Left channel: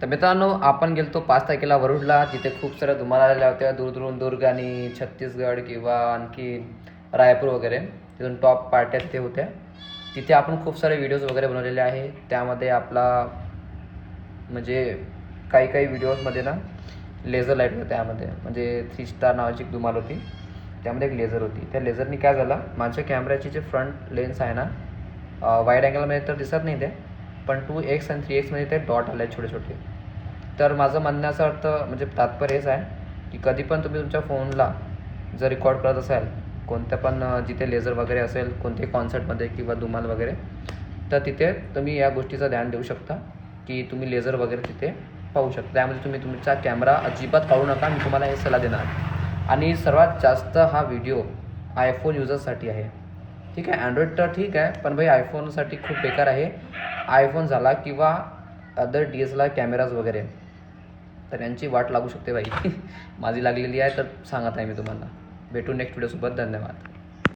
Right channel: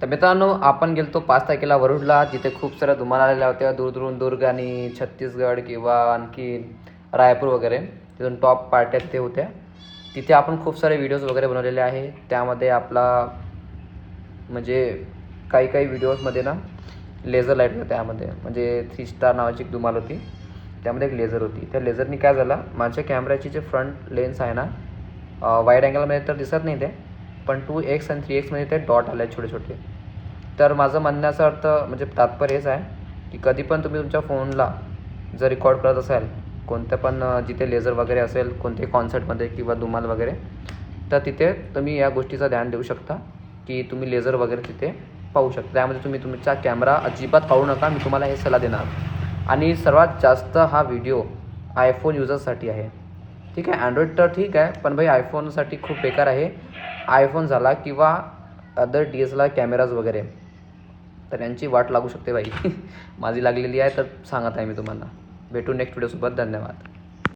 तर मित्रांनो, आपण गेलतो 5 तारखेला वरुडला, जिथे खूप साऱ्या धुमाळ आलेल्या होत्या दूरदूरून, दुर्ग आणि छत्तीसगड किंवा आणखी रायपूर वगैरे. तिथून टॉप पार्ट्या तिथे होत्या. तिथे आपण खूप सारे व्हिडिओज वगैरे बनवलेले आहे. त्यामध्ये आपला म्हणजे काही व्हिडिओजमध्ये ना लेझर लाईट होतं. त्यामध्ये म्हणजे 3 स्टार नावाची धुमाळ होती. त्यामध्ये एक लेझर होती. त्या लेझरनी काय झालं, माझ्या कॅमेऱ्याची जे फ्रंट लेन्स आहे ना, वाईड अँगलमध्ये तर दिसत नाही ते, पण 2x आणि 3x मध्ये ते डॉट आले छोटे छोटे. तर माझं म्हणण्याचा अर्थ म्हणजे तात्पर्य हेच आहे की कधी पण तुम्ही तुमच्या फोनला जर रेकॉर्ड करत असाल कोणत्या पण जिथे लेझर वगैरे असेल, कोणत्याही कॉन्सर्टमध्ये किंवा धुमाल वगैरे, तर तिथे तुम्ही या गोष्टीचं ध्यान देऊ शकता की तुम्ही लेझर वगैरे तिथे पाहू शकता. त्यामध्ये तुम्ही तुमचा कॅमेरा अजिबात पाहू नका. मी तुम्हाला हे सल्ला देणार. आणि सर्वात जास्त हा व्हिडिओ आयफोन युजर्ससाठी आहे. ठीक आहे, अँड्रॉइड तर ठीक आहे, पण भाई आयफोनसाठी खूप बेकार आहे. आयफोन झाला किंवा अदर DSLR कॅमेराज वगैरे, तर यांची वाट लागू शकते बाई. माझी लागलेली आहे, तर सांगत आहे मी तुम्हाला. भेटू नेक्स्ट व्हिडिओसोबत. धन्यवाद.